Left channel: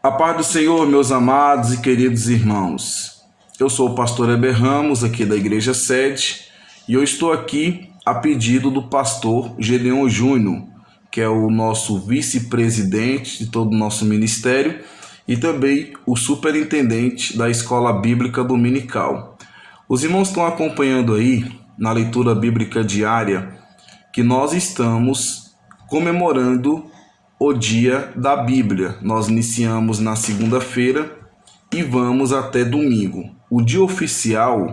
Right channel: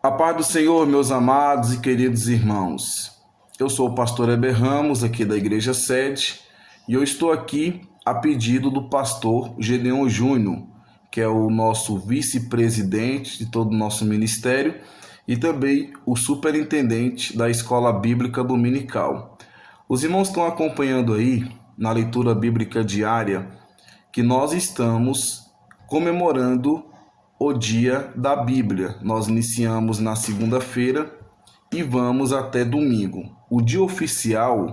A paz do Senhor, meus amados e queridos irmãos. Eu sou o pastor Heber Ramos, aqui da Igreja Sede, e eu estou aqui a pedido do pastor Gedeon Júnior, que é o nosso vice-presidente de todo o nosso ministério e também o superintendente da Escola Bíblica Dominical. Os irmãos estão acompanhando aí, na leitura bíblica diária, que nós estamos comemorando o dia da Bíblia. Nós iniciamos na segunda-feira e vamos até domingo. O dia oficial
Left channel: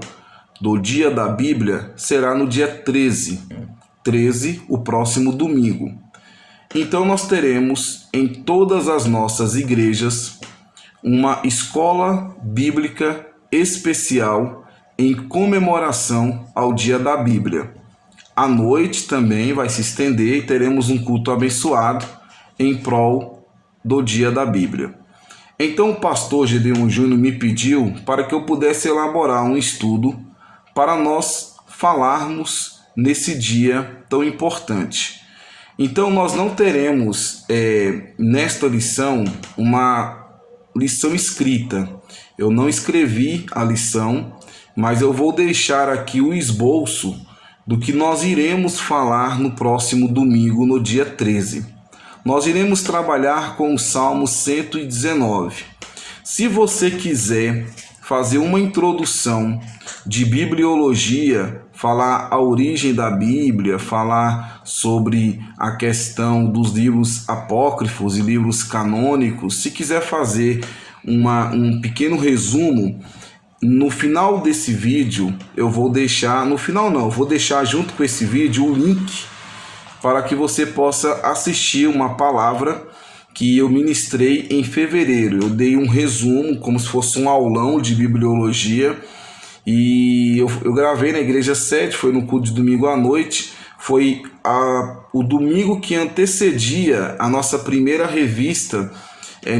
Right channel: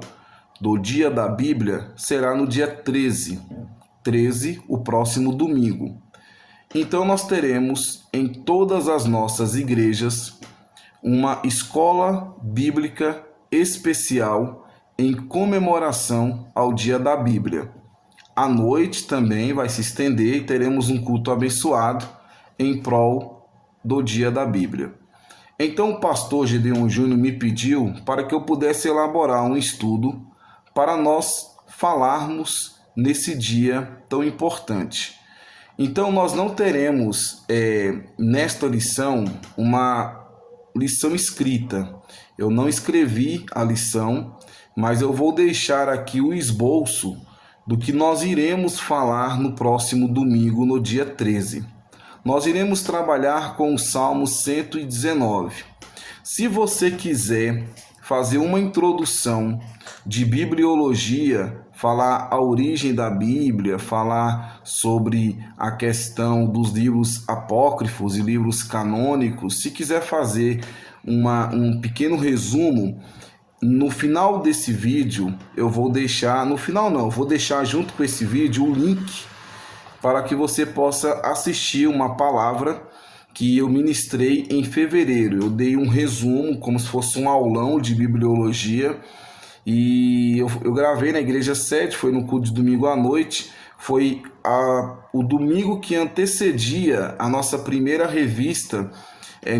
do dia da Bíblia será no dia 13, o próximo domingo. Então nós teremos em todas as nossas igrejas uma escola bíblica especial em comemoração ao dia da Bíblia. À noite também vai se estender e teremos um culto abençoado em prol do dia da Bíblia. Então o pastor Gedeon Júnior me pediu para que eu pudesse elaborar um estudo para nós falarmos nesse dia tão importante. Então nós não teremos nesta lição uma lição escrita. Eu não escrevi a lição, mas eu vou deixar aqui o esboço do que nós iremos falar no próximo domingo, no dia 13. Nós iremos trabalhar com o Salmo 119. Se você quiser fazer uma introdução de bibliologia, falar a origem da Bíblia, falar sobre a questão dos livros apócrifos e livros canônicos, se quiser fazer um pequeno resumo, no final desse vídeo, eu vou deixar, no final não, eu vou deixar junto com esse vídeo o link para que você possa assistir uma palavra que eu ministrei em fevereiro. Eu dei um resumo, como se fosse um aulão de bibliologia, e eu gravei na Igreja Sede, foi no culto de domingo à noite, foi o domingo que antecedia a nossa primeira revista,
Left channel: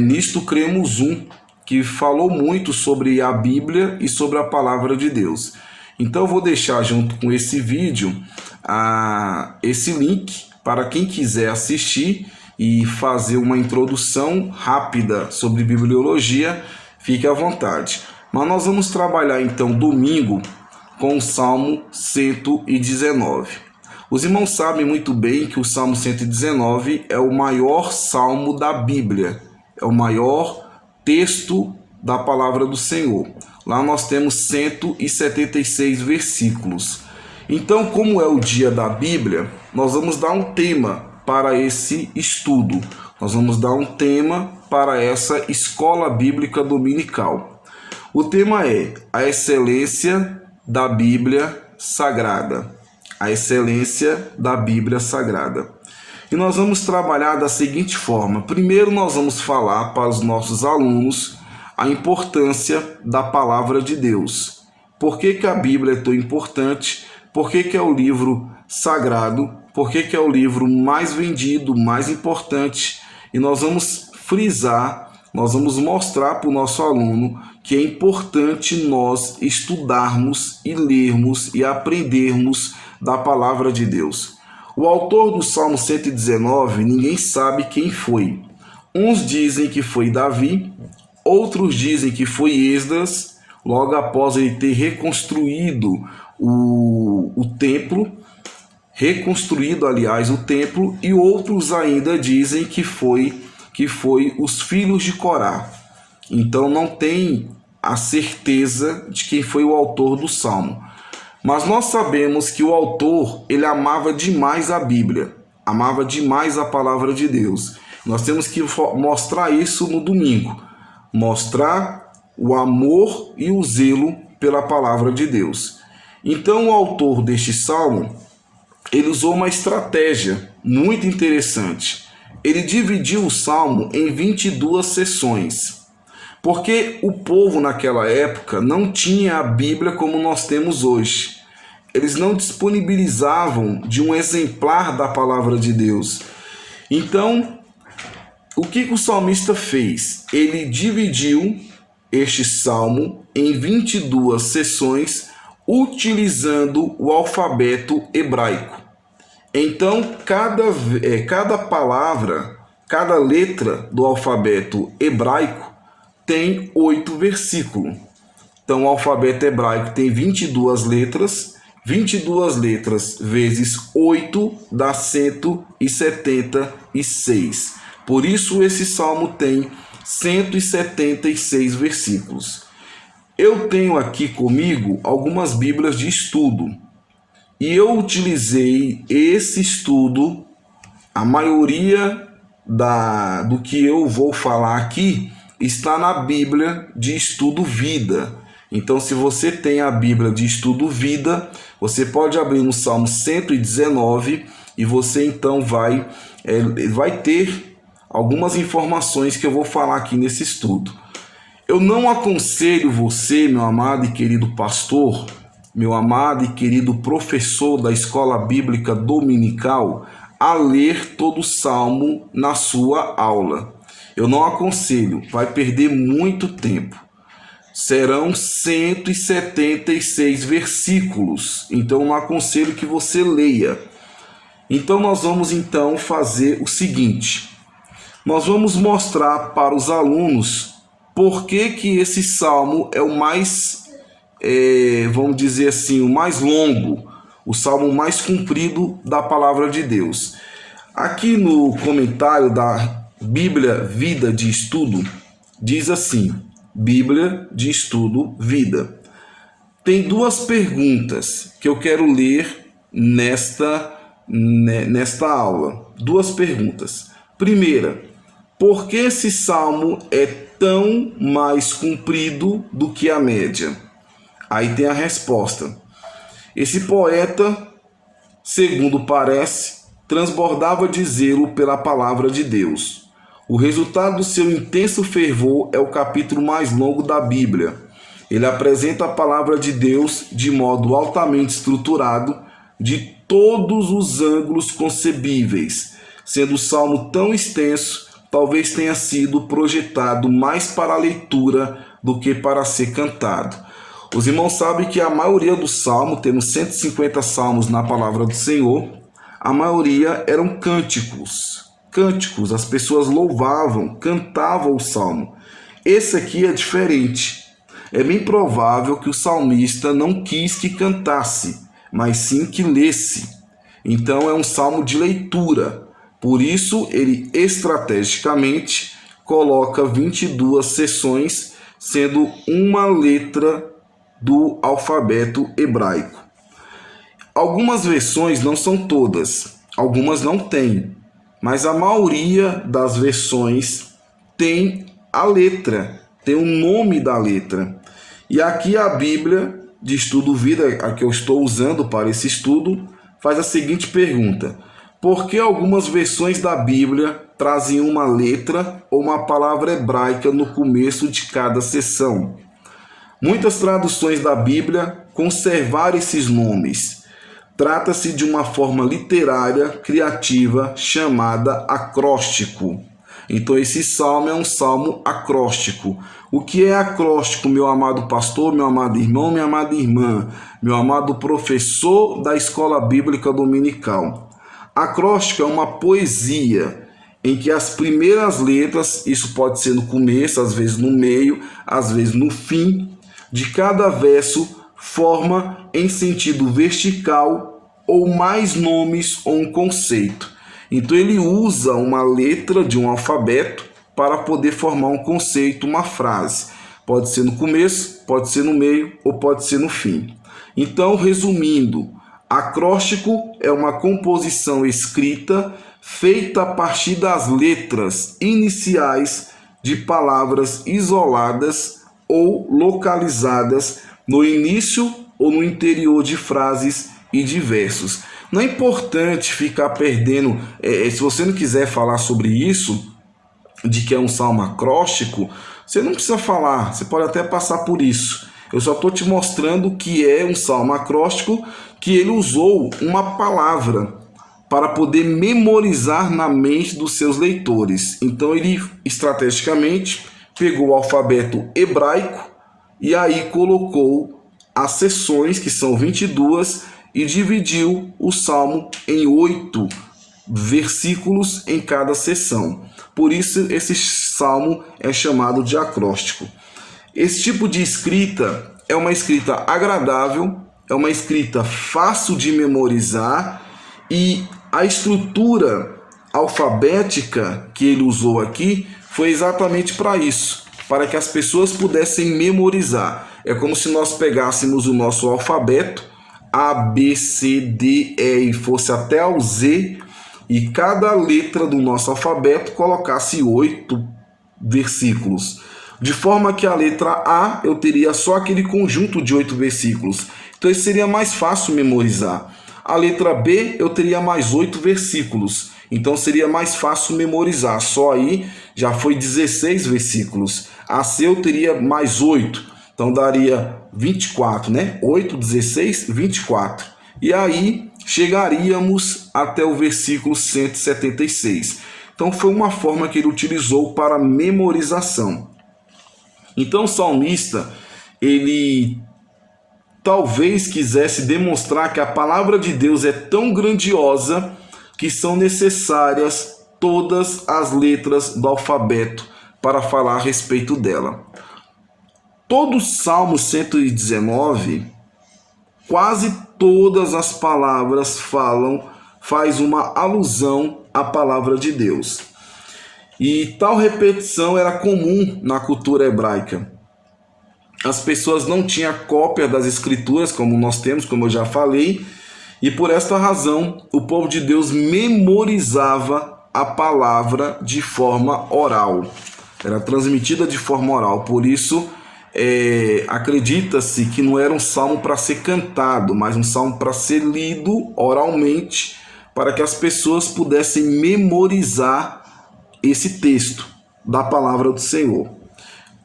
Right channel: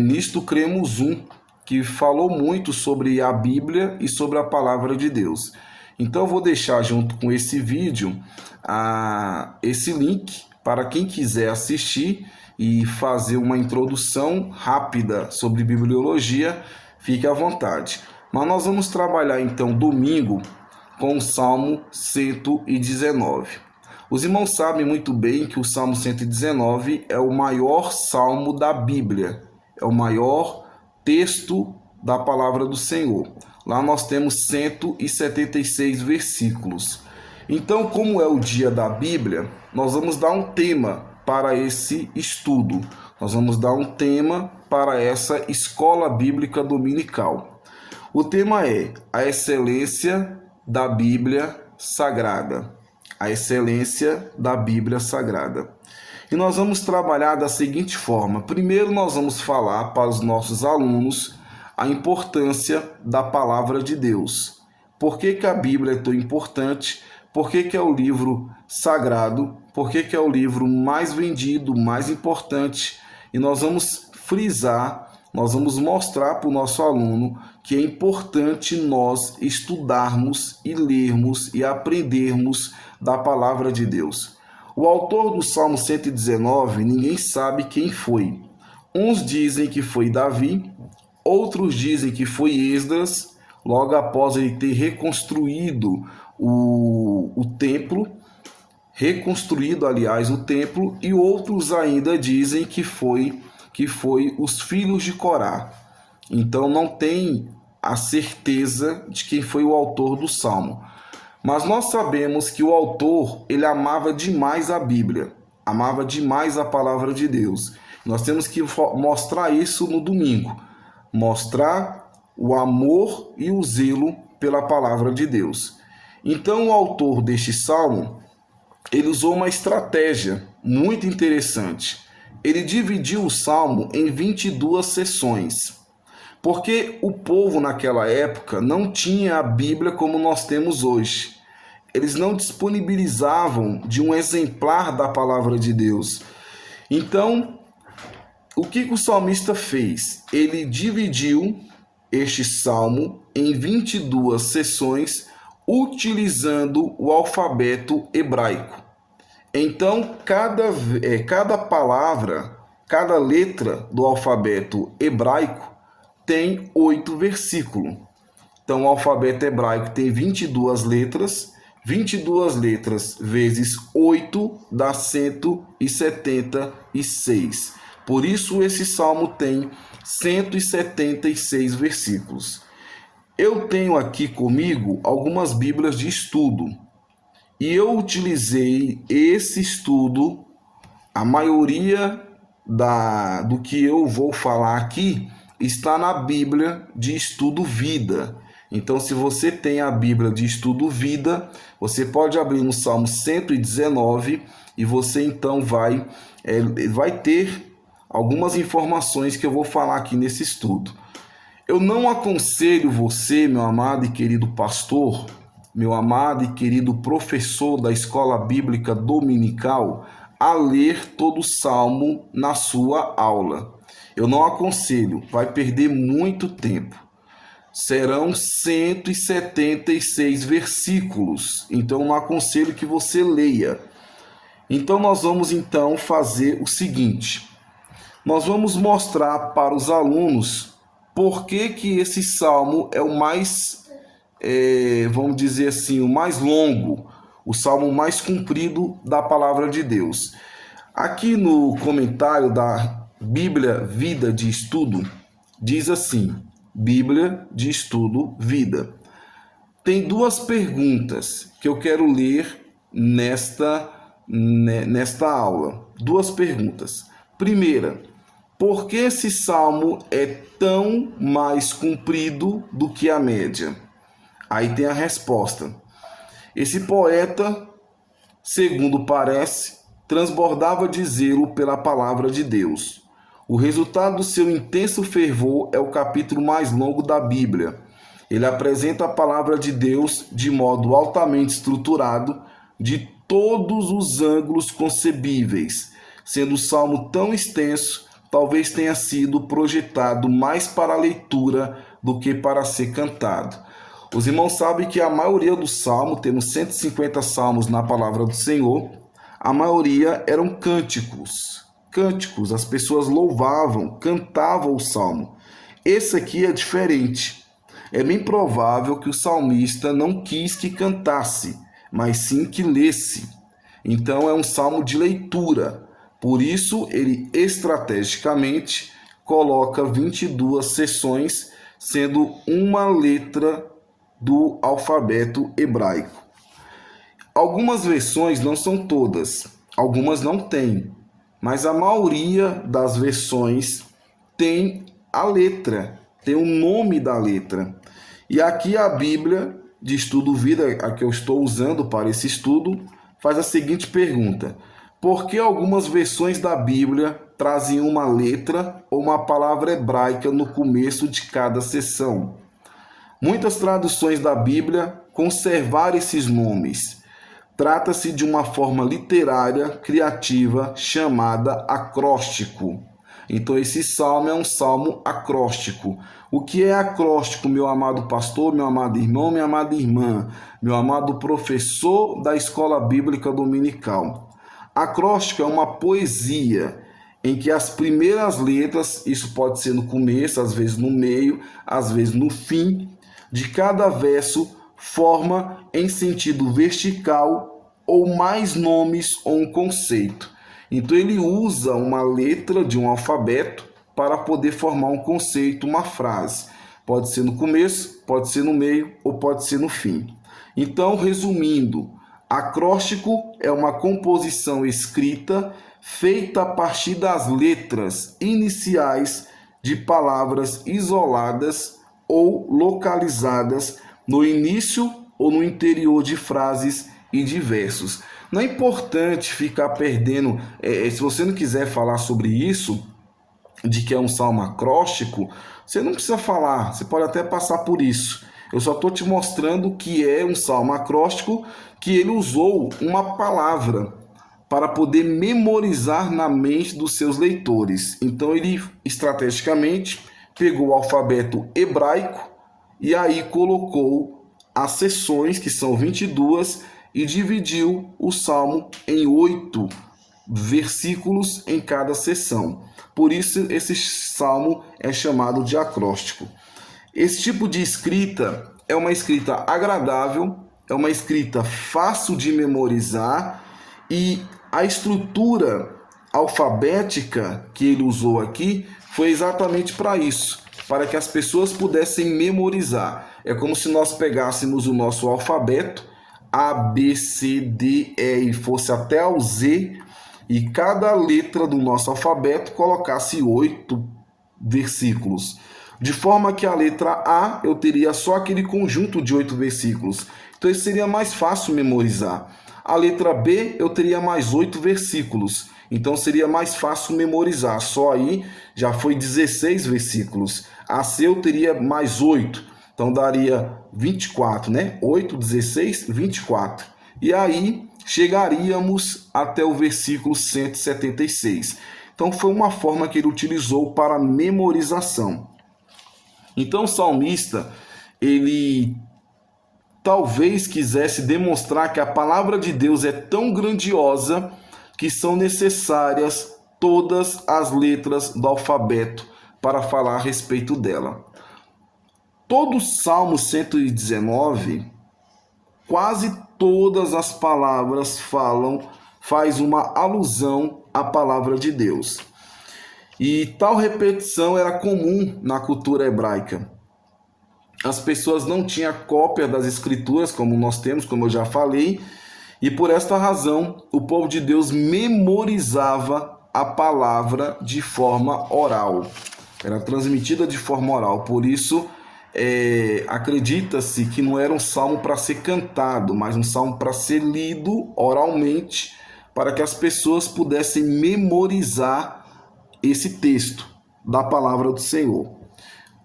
Nisto Cremos que falou muito sobre a Bíblia e sobre a Palavra de Deus. Então eu vou deixar junto com esse vídeo esse link para quem quiser assistir e fazer uma introdução rápida sobre bibliologia, fique à vontade. Mas nós vamos trabalhar então domingo com o Salmo 119. Os irmãos sabem muito bem que o Salmo 119 é o maior salmo da Bíblia, é o maior texto da palavra do Senhor. Lá nós temos 176 versículos. Então, como é o dia da Bíblia, nós vamos dar um tema para esse estudo. Nós vamos dar um tema para essa escola bíblica dominical. O tema é a excelência da Bíblia Sagrada. A excelência da Bíblia Sagrada. E nós vamos trabalhar da seguinte forma. Primeiro, nós vamos falar para os nossos alunos a importância da palavra de Deus. Por que a Bíblia é tão importante? Por que é o livro sagrado? Por que é o livro mais vendido, mais importante? E nós vamos frisar, nós vamos mostrar para o nosso aluno que é importante nós estudarmos e lermos e aprendermos da palavra de Deus. O autor do Salmo 119, ninguém sabe quem foi. Uns dizem que foi Davi, outros dizem que foi Esdras, logo após ele ter reconstruído o templo, o templo, e outros ainda dizem que foi os filhos de Corá. Então não tem a certeza de quem foi o autor do Salmo. Mas nós sabemos que o autor, ele amava demais a Bíblia, amava demais a palavra de Deus. Nós temos que mostrar isso no domingo, mostrar o amor e o zelo pela palavra de Deus. Então o autor deste salmo, ele usou uma estratégia muito interessante. Ele dividiu o salmo em 22 sessões, porque o povo naquela época não tinha a Bíblia como nós temos hoje. Eles não disponibilizavam de um exemplar da palavra de Deus. Então, o que o salmista fez? Ele dividiu este salmo em 22 sessões, utilizando o alfabeto hebraico. Então, cada palavra cada letra do alfabeto hebraico tem 8 versículos. Então, o alfabeto hebraico tem 22 letras. 22 letras vezes 8 dá 176. Por isso, esse salmo tem 176 versículos. Eu tenho aqui comigo algumas bíblias de estudo. E eu utilizei esse estudo, a maioria do que eu vou falar aqui está na Bíblia de Estudo Vida. Então, se você tem a Bíblia de Estudo Vida, você pode abrir no Salmo 119 e você então vai ter algumas informações que eu vou falar aqui nesse estudo. Eu não aconselho você, meu amado e querido pastor, meu amado e querido professor da Escola Bíblica Dominical, a ler todo o Salmo na sua aula. Eu não aconselho, vai perder muito tempo. Serão 176 versículos, então eu não aconselho que você leia. Então nós vamos então fazer o seguinte, nós vamos mostrar para os alunos por que esse salmo é o mais, vamos dizer assim, o mais longo, o salmo mais comprido da palavra de Deus. Aqui no comentário da Bíblia Vida de Estudo, diz assim, Bíblia de Estudo Vida. Tem duas perguntas que eu quero ler nesta aula. Duas perguntas. Primeira, por que esse salmo é tão mais comprido do que a média? Aí tem a resposta. Esse poeta, segundo parece, transbordava de zelo pela palavra de Deus. O resultado do seu intenso fervor é o capítulo mais longo da Bíblia. Ele apresenta a palavra de Deus de modo altamente estruturado, de todos os ângulos concebíveis. Sendo o salmo tão extenso, talvez tenha sido projetado mais para a leitura do que para ser cantado. Os irmãos sabem que a maioria dos salmos, temos 150 salmos na palavra do Senhor, a maioria eram cânticos. Cânticos, as pessoas louvavam, cantavam o salmo. Esse aqui é diferente. É bem provável que o salmista não quis que cantasse, mas sim que lesse. Então é um salmo de leitura. Por isso ele estrategicamente coloca 22 seções, sendo uma letra do alfabeto hebraico. Algumas versões, não são todas, algumas não têm. Mas a maioria das versões tem a letra, tem o nome da letra. E aqui a Bíblia de Estudo Vida, a que eu estou usando para esse estudo, faz a seguinte pergunta. Por que algumas versões da Bíblia trazem uma letra ou uma palavra hebraica no começo de cada seção? Muitas traduções da Bíblia conservaram esses nomes. Trata-se de uma forma literária criativa chamada acróstico. Então esse salmo é um salmo acróstico. O que é acróstico, meu amado pastor, meu amado irmão, minha amada irmã, meu amado professor da Escola Bíblica Dominical? Acróstico é uma poesia em que as primeiras letras, isso pode ser no começo, às vezes no meio, às vezes no fim, de cada verso forma em sentido vertical ou mais nomes ou um conceito. Então ele usa uma letra de um alfabeto para poder formar um conceito, uma frase. Pode ser no começo, pode ser no meio ou pode ser no fim. Então, resumindo, acróstico é uma composição escrita feita a partir das letras iniciais de palavras isoladas ou localizadas no início ou no interior de frases e de versos. Não é importante ficar perdendo, se você não quiser falar sobre isso, de que é um salmo acróstico, você não precisa falar, você pode até passar por isso. Eu só estou te mostrando que é um salmo acróstico, que ele usou uma palavra para poder memorizar na mente dos seus leitores. Então ele estrategicamente pegou o alfabeto hebraico e aí colocou as seções, que são 22, e dividiu o salmo em 8 versículos em cada seção. Por isso, esse salmo é chamado de acróstico. Esse tipo de escrita é uma escrita agradável, é uma escrita fácil de memorizar, e a estrutura alfabética que ele usou aqui foi exatamente para isso, para que as pessoas pudessem memorizar. É como se nós pegássemos o nosso alfabeto, A, B, C, D, E, e fosse até ao Z, e cada letra do nosso alfabeto colocasse 8 versículos. De forma que a letra A eu teria só aquele conjunto de 8 versículos. Então isso seria mais fácil memorizar. A letra B eu teria mais 8 versículos. Então seria mais fácil memorizar. Só aí já foi 16 versículos. A C eu teria mais 8. Então daria 24, né? 8, 16, 24. E aí chegaríamos até o versículo 176. Então foi uma forma que ele utilizou para memorização. Então o salmista, ele talvez quisesse demonstrar que a palavra de Deus é tão grandiosa que são necessárias todas as letras do alfabeto para falar a respeito dela. Todo o Salmo 119, quase todas as palavras faz uma alusão à palavra de Deus. E tal repetição era comum na cultura hebraica. As pessoas não tinham cópia das escrituras, como nós temos, como eu já falei, e por esta razão o povo de Deus memorizava a palavra de forma oral. Era transmitida de forma oral, por isso acredita-se que não era um salmo para ser cantado, mas um salmo para ser lido oralmente, para que as pessoas pudessem memorizar esse texto da palavra do Senhor.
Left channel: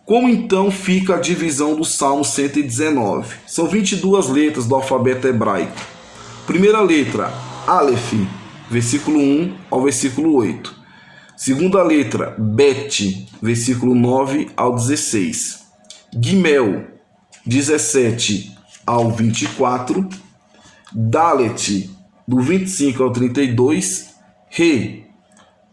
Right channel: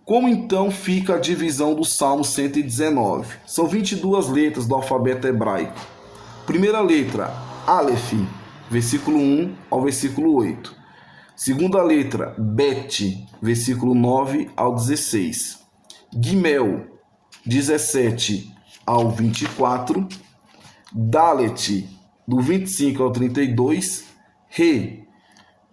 Como então fica a divisão do Salmo 119? São 22 letras do alfabeto hebraico. Primeira letra, Aleph, versículo 1 ao versículo 8. Segunda letra, Bet, versículo 9 ao 16. Gimel, 17 ao 24. Dalet, do 25 ao 32. Re,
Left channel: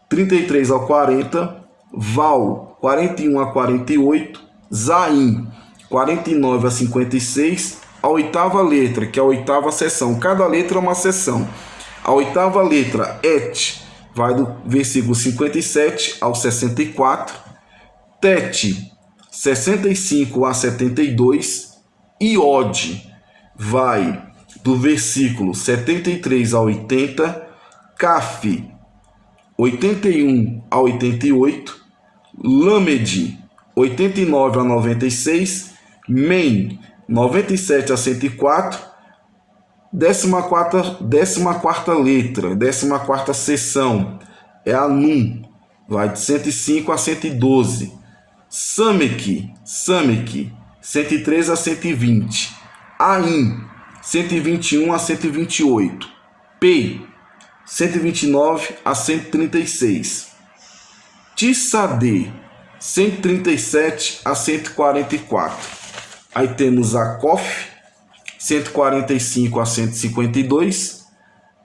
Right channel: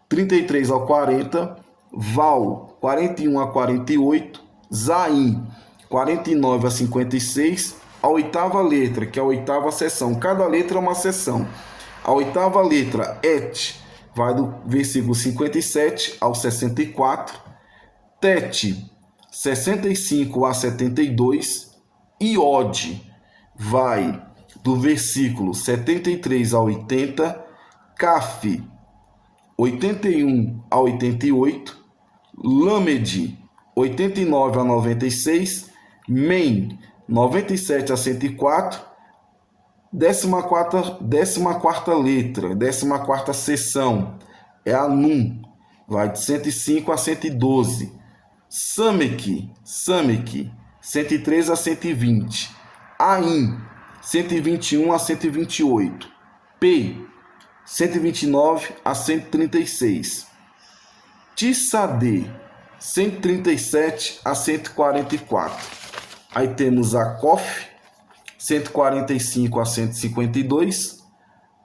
33 ao 40. Val, 41 a 48. Zaim, 49 a 56. A oitava letra, que é a oitava seção. Cada letra é uma seção. A oitava letra, Et, vai do versículo 57 ao 64. Tet, 65 a 72. Iod, vai do versículo 73 a 80. Caf, 81 a 88. Lamed, 89 a 96. Men, 97 a 104. 14ª letra, 14ª seção é a Num, vai de 105 a 112. Samek, 103 a 120. Ain, 121 a 128. P, 129 a 136. Tissadê, 137 a 144. Aí temos a Kof, 145 a 152.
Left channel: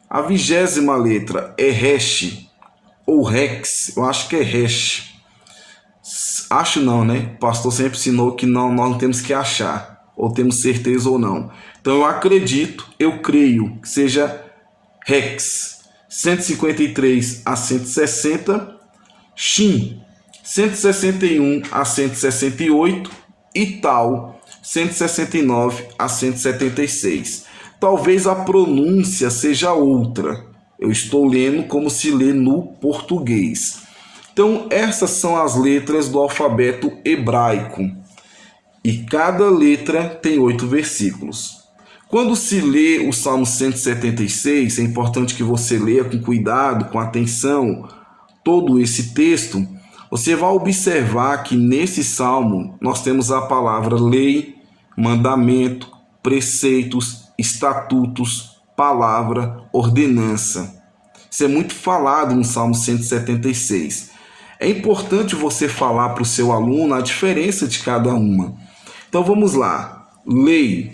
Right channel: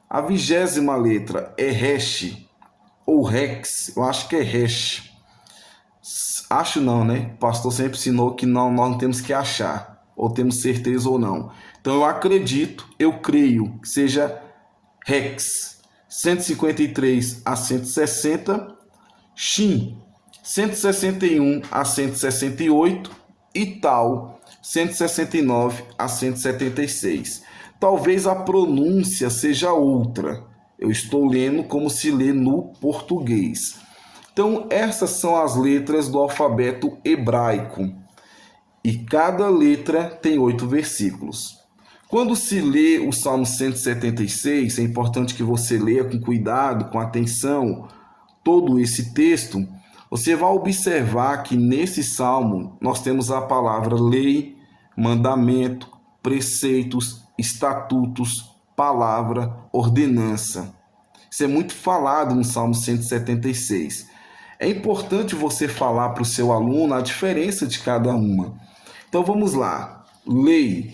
A 20ª letra é Resh, ou Rex, eu acho que é Resh. Acho não, né? O pastor sempre ensinou que não, nós não temos que achar, ou temos certeza ou não. Então eu acredito, eu creio que seja Rex, 153 a 160. Shin, 161 a 168. E Tal, 169 a 176. Talvez a pronúncia seja outra. Eu estou lendo como se lê no português. Então, essas são as letras do alfabeto hebraico. E cada letra tem 8 versículos. Quando se lê o Salmo 176, é importante que você leia com cuidado, com atenção, todo esse texto. Você vai observar que nesse salmo nós temos a palavra lei, mandamento, preceitos, estatutos, palavra, ordenança. Isso é muito falado no Salmo 176. É importante você falar para o seu aluno a diferença de cada uma. Então vamos lá. Lei.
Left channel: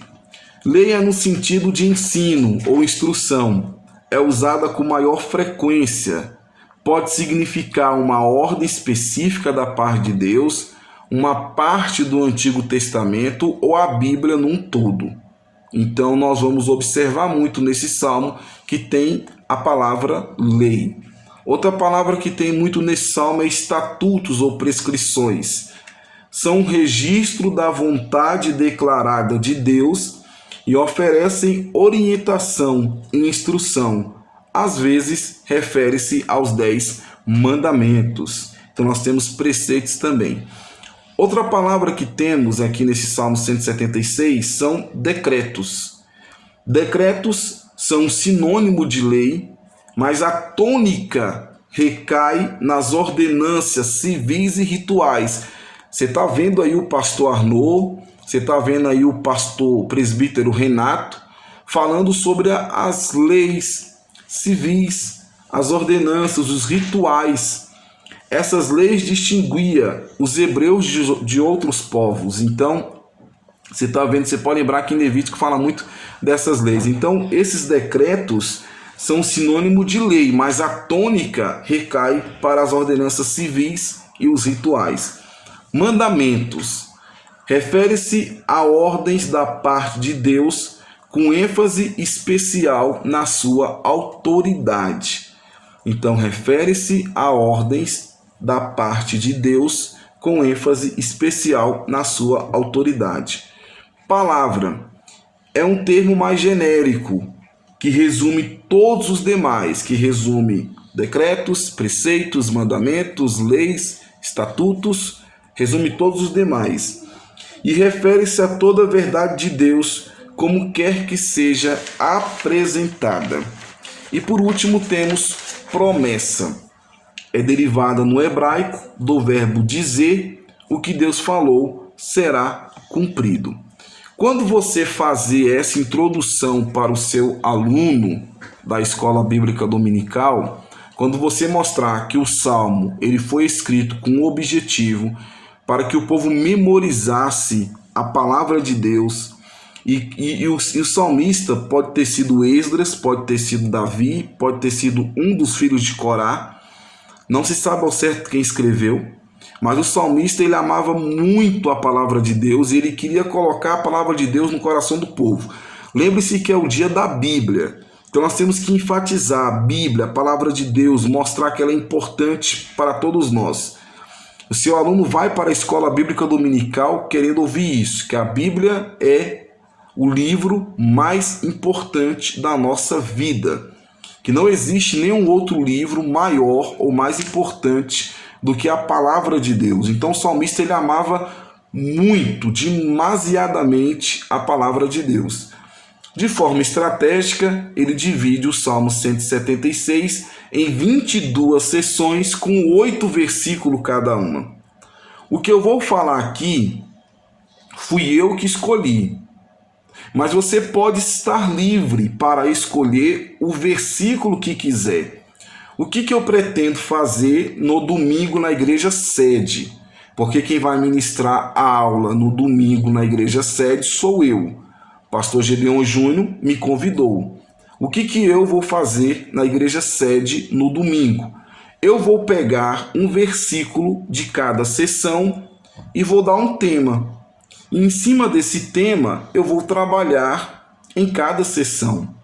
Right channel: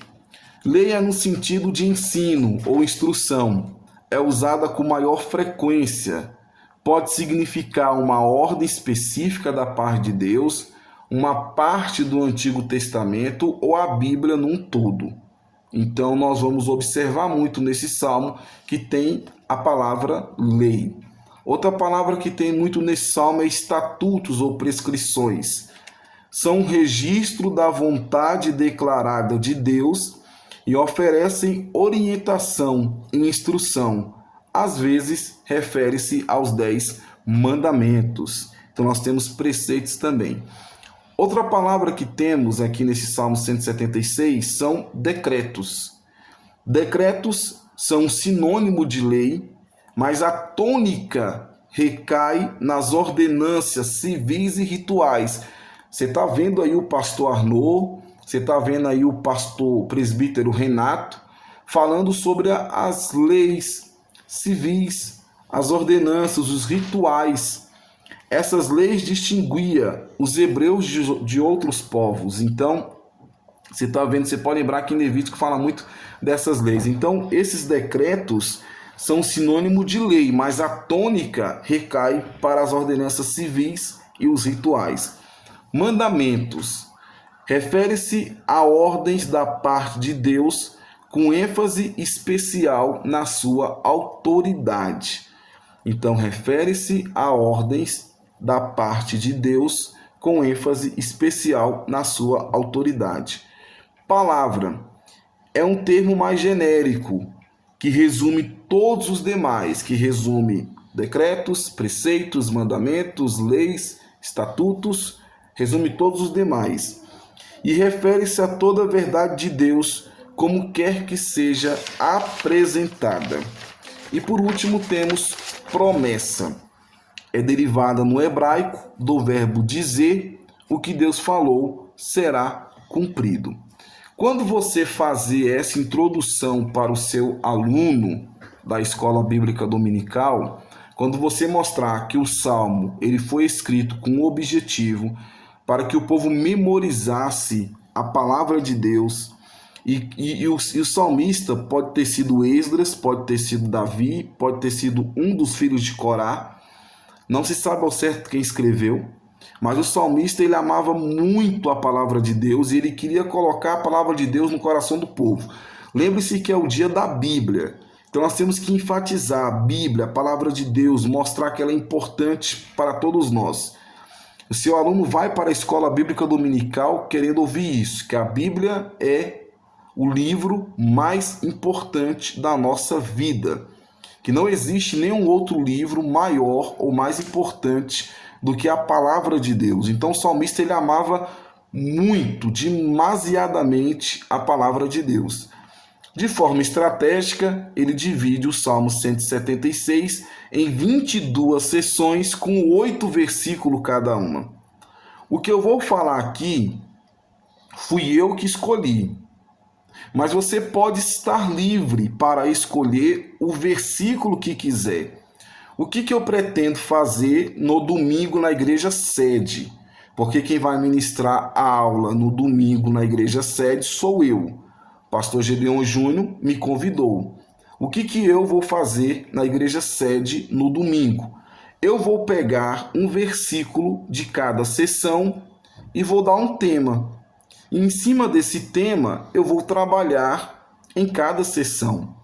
Lei é no sentido de ensino ou instrução. é usada com maior frequência. Pode significar uma ordem específica da parte de Deus, uma parte do Antigo Testamento ou a Bíblia num todo. Então nós vamos observar muito nesse salmo que tem a palavra lei. Outra palavra que tem muito nesse salmo é estatutos ou prescrições. São um registro da vontade declarada de Deus e oferecem orientação e instrução. Às vezes, refere-se aos 10 mandamentos. Então, nós temos preceitos também. Outra palavra que temos aqui nesse Salmo 176 são decretos. Decretos são sinônimo de lei, mas a tônica recai nas ordenâncias civis e rituais. Você está vendo aí o pastor Arnaud, você está vendo aí o pastor presbítero Renato, falando sobre as leis civis, as ordenanças, os rituais. Essas leis distinguiam os hebreus de outros povos. Então, você está vendo, você pode lembrar que em Levítico fala muito dessas leis. Então, esses decretos são sinônimo de lei, mas a tônica recai para as ordenanças civis e os rituais. Mandamentos. Refere-se a ordens da parte de Deus com ênfase especial na sua autoridade. Então, refere-se a ordens da parte de Deus com ênfase especial na sua autoridade. Palavra é um termo mais genérico que resume todos os demais, que resume decretos, preceitos, mandamentos, leis, estatutos, resume todos os demais. E refere-se a toda a verdade de Deus, como quer que seja apresentada. E por último temos promessa. É derivada no hebraico do verbo dizer, o que Deus falou será cumprido. Quando você fazer essa introdução para o seu aluno da escola bíblica dominical, quando você mostrar que o salmo ele foi escrito com o objetivo para que o povo memorizasse a palavra de Deus, e o salmista pode ter sido Esdras, pode ter sido Davi, pode ter sido um dos filhos de Corá, não se sabe ao certo quem escreveu, mas o salmista ele amava muito a palavra de Deus e ele queria colocar a palavra de Deus no coração do povo. Lembre-se que é o dia da Bíblia, então nós temos que enfatizar a Bíblia, a palavra de Deus, mostrar que ela é importante para todos nós. O seu aluno vai para a escola bíblica dominical querendo ouvir isso, que a Bíblia é o livro mais importante da nossa vida, que não existe nenhum outro livro maior ou mais importante do que a palavra de Deus. Então o salmista ele amava muito, demasiadamente a palavra de Deus. De forma estratégica, ele divide o Salmo 176 em 22 sessões com 8 versículos cada uma. O que eu vou falar aqui fui eu que escolhi, mas você pode estar livre para escolher o versículo que quiser. O que eu pretendo fazer no domingo na igreja sede? Porque quem vai ministrar a aula no domingo na igreja sede sou eu. Pastor Gedeon Júnior me convidou. O que eu vou fazer na igreja sede no domingo? Eu vou pegar um versículo de cada sessão e vou dar um tema. E em cima desse tema, eu vou trabalhar em cada sessão.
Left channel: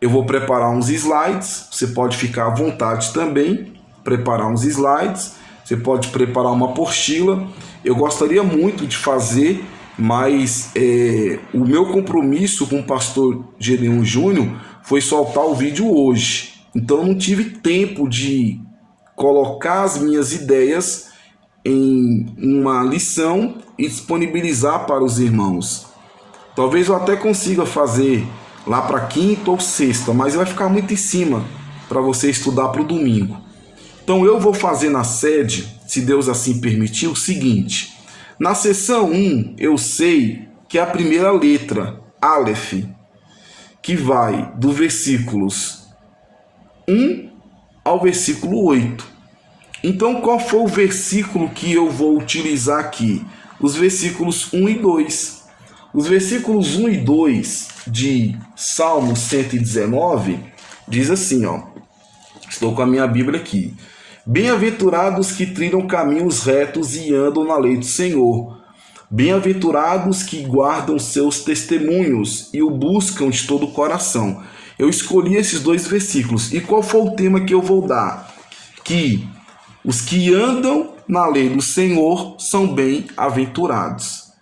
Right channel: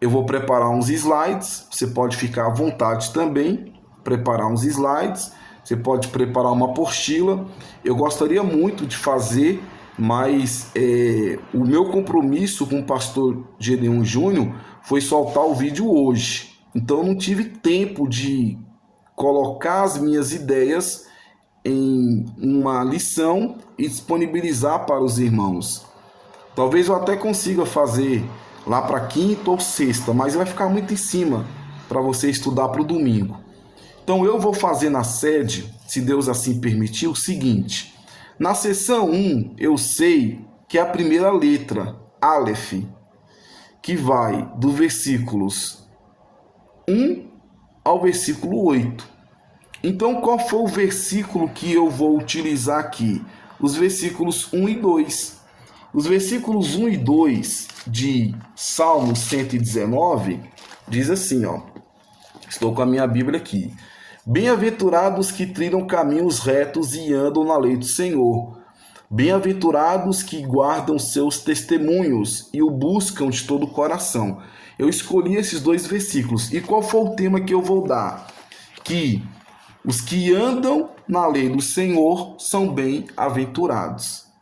Eu vou preparar uns slides, você pode ficar à vontade também, preparar uns slides, você pode preparar uma apostila. Eu gostaria muito de fazer, mas o meu compromisso com o pastor Gedeon Júnior foi soltar o vídeo hoje. Então eu não tive tempo de colocar as minhas ideias em uma lição e disponibilizar para os irmãos. Talvez eu até consiga fazer lá para quinta ou sexta, mas vai ficar muito em cima para você estudar para o domingo. Então eu vou fazer na sede, se Deus assim permitir, o seguinte. Na sessão 1, eu sei que é a primeira letra, Aleph, que vai do versículos 1 ao versículo 8. Então, qual foi o versículo que eu vou utilizar aqui? Os versículos 1 e 2. Os versículos 1 e 2 de Salmo 119 Diz assim, ó. Estou com a minha Bíblia aqui. Bem-aventurados que trilham caminhos retos e andam na lei do Senhor. Bem-aventurados que guardam seus testemunhos e o buscam de todo o coração. Eu escolhi esses dois versículos. E qual foi o tema que eu vou dar? Que os que andam na lei do Senhor são bem-aventurados.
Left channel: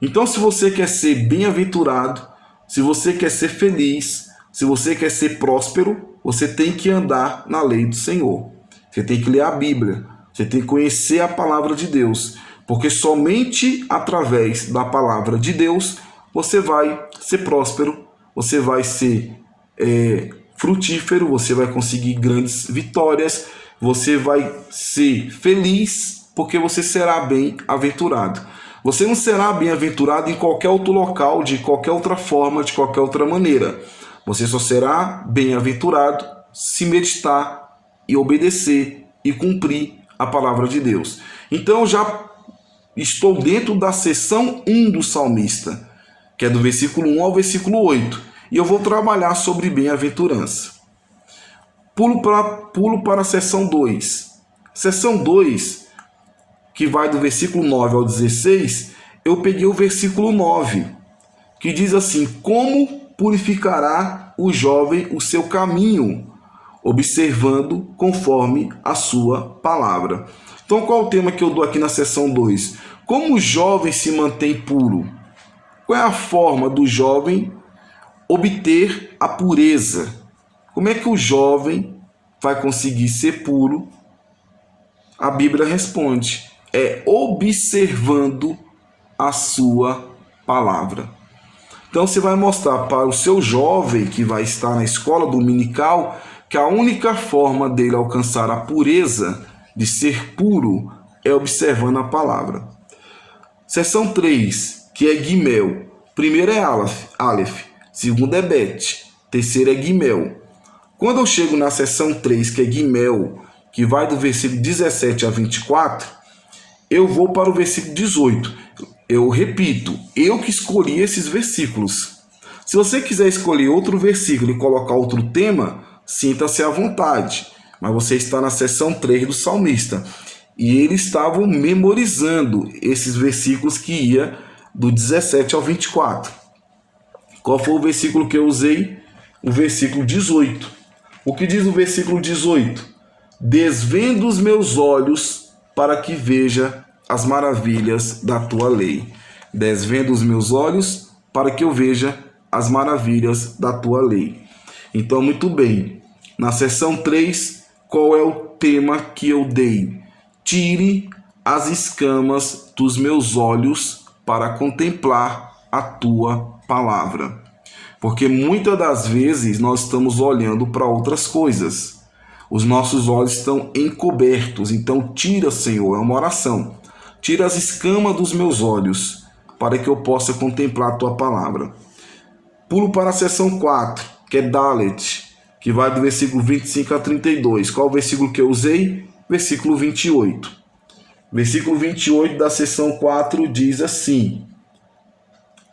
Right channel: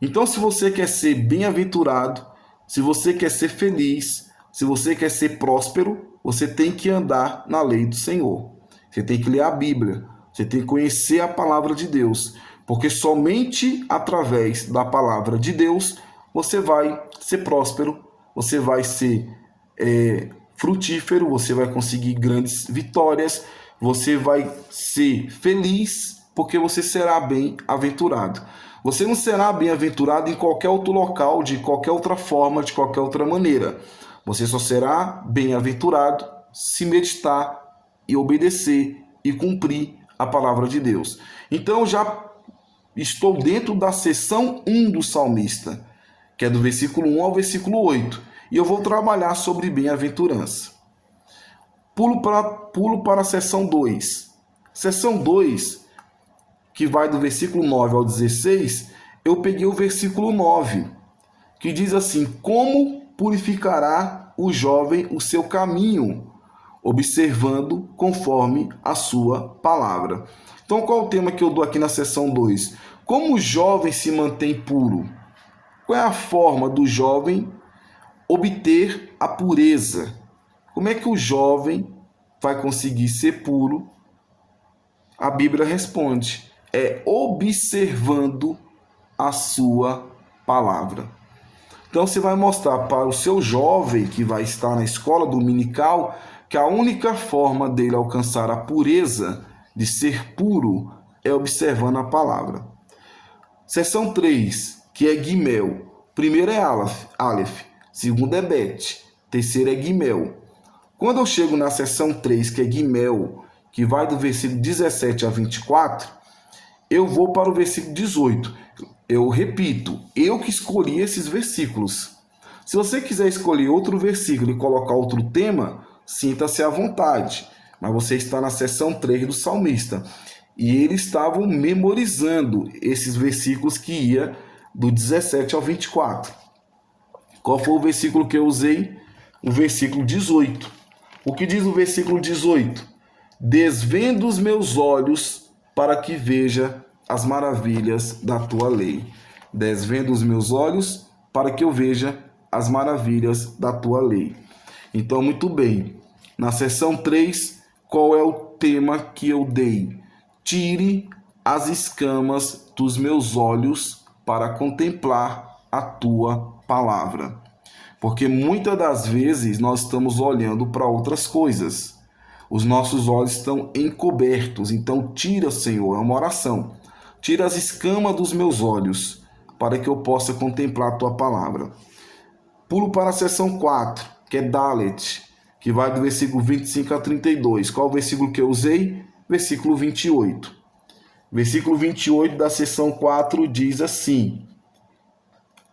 Então, se você quer ser bem-aventurado, se você quer ser feliz, se você quer ser próspero, você tem que andar na lei do Senhor. Você tem que ler a Bíblia. Você tem que conhecer a palavra de Deus. Porque somente através da palavra de Deus você vai ser próspero, você vai ser frutífero, você vai conseguir grandes vitórias, você vai ser feliz, porque você será bem-aventurado. Você não será bem-aventurado em qualquer outro local, de qualquer outra forma, de qualquer outra maneira. Você só será bem-aventurado se meditar e obedecer e cumprir a palavra de Deus. Então, já estou dentro da seção 1 do salmista, que é do versículo 1 ao versículo 8. E eu vou trabalhar sobre bem-aventurança. Pulo para a seção 2. Seção 2, que vai do versículo 9 ao 16, eu peguei o versículo 9, que diz assim: como purificará o jovem o seu caminho, observando conforme a sua palavra. Então, qual é o tema que eu dou aqui na seção 2? Como o jovem se mantém puro? Qual é a forma do jovem obter a pureza? Como é que o jovem vai conseguir ser puro? A Bíblia responde: é observando a sua palavra. Então você vai mostrar para o seu jovem que vai estar na escola dominical que a única forma dele alcançar a pureza, de ser puro, é observando a palavra. Seção 3, que é Gimel. Primeiro é Aleph, segundo é Bet, terceiro é Gimel. Quando eu chego na seção 3, que é Gimel, que vai do versículo 17 a 24, eu vou para o versículo 18. Eu repito, eu que escolhi esses versículos. Se você quiser escolher outro versículo e colocar outro tema, sinta-se à vontade. Mas você está na seção 3 do salmista. E eles estavam memorizando esses versículos que ia do 17 ao 24. Qual foi o versículo que eu usei? O versículo 18. O que diz o versículo 18? Desvenda os meus olhos para que veja as maravilhas da tua lei. Desvenda os meus olhos para que eu veja as maravilhas da tua lei. Então, muito bem. Na seção 3, qual é o tema que eu dei? Tire as escamas dos meus olhos para contemplar a tua palavra. Porque muitas das vezes nós estamos olhando para outras coisas. Os nossos olhos estão encobertos. Então, tira, Senhor, é uma oração. Tira as escamas dos meus olhos para que eu possa contemplar a tua palavra. Pulo para a seção 4, que é Dalet, que vai do versículo 25 a 32. Qual o versículo que eu usei? Versículo 28. Versículo 28 da seção 4 diz assim:